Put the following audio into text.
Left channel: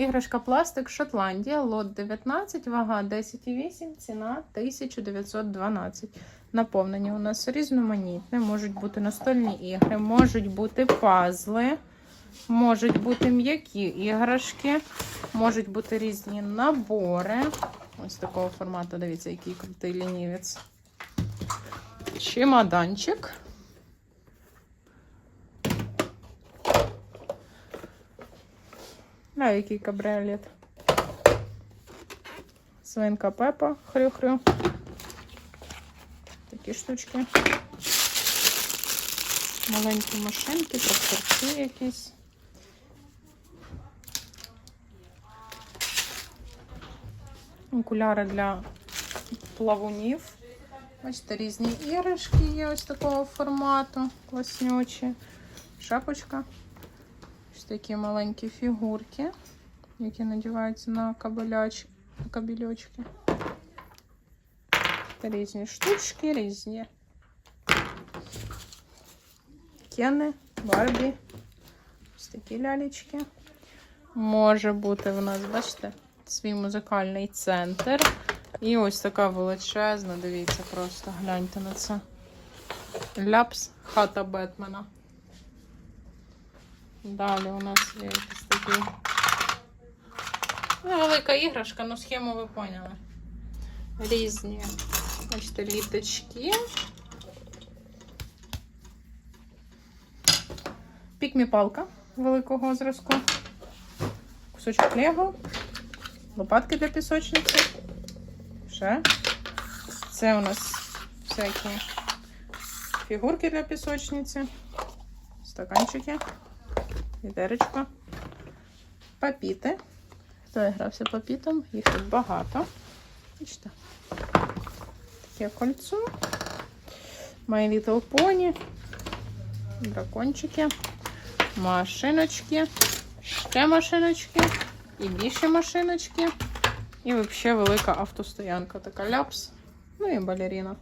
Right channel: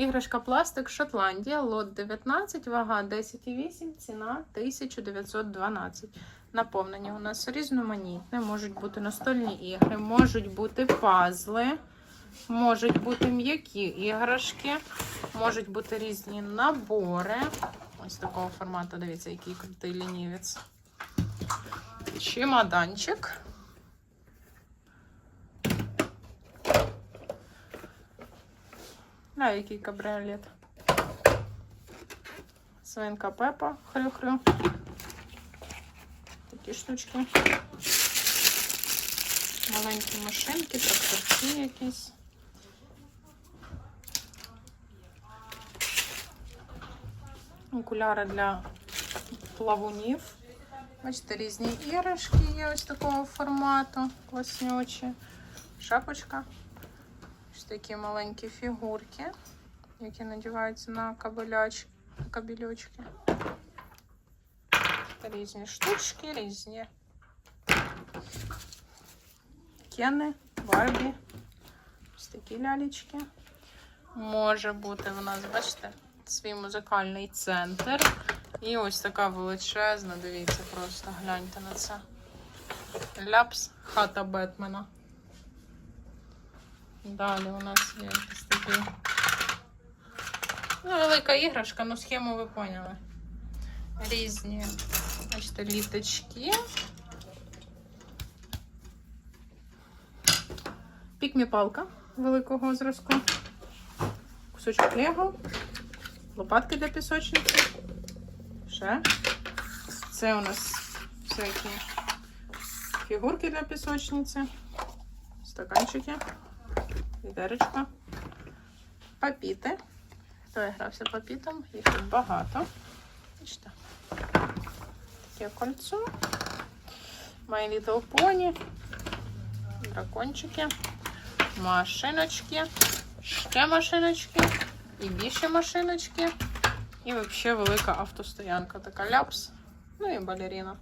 Іграшка пластик Шотландія, лот 19, вага 10,8, ціна 1912. Наповнення у нас різноманітне, можуть бути настольні ігри, можуть бути пазли, можуть бути м'які іграшки, можуть бути різні набори. Ось такого формату, дивіться, який крутий лінівець. Чемоданчик. А, який кабріолет. Свинка Пепа, хрю-хрю. Такі штучки. Маленькі машинки, пастерці якісь. Окуляри для плавунів. Бачите, різні іграшки є ось такого формату, класнючі. Шапочка. Ось такі маленькі фігурки, які надіваються на кабеляч, кабельочки. Різні штучки, різні. Кени, барбі. Ось такі лялечки. Може бути у нас, бачите, свій музикальний центр. І ось така величезна, дивіться, просто гляньте на це. Ляпс хата Бетмена. Далі у нас є якісь такі. Ну, велика іграшка, ну схему ви поняли. Різні бачите, літочки. Пікмі-палка великого зразку. Кусочок лего. Лопатки для пісочниці. Ще. Це у нас всякі фігурки для пісочниці. Стаканчики. Відеречко. Папіти. Хто грався папітом? Їх тут багато. Бачите. Таке кольцо. My Little Pony. Дракончики. Машиночки. Ще машиночки. І більше машиночки. І взагалі велика автостоянка. Така ляпс. Ну і балерина.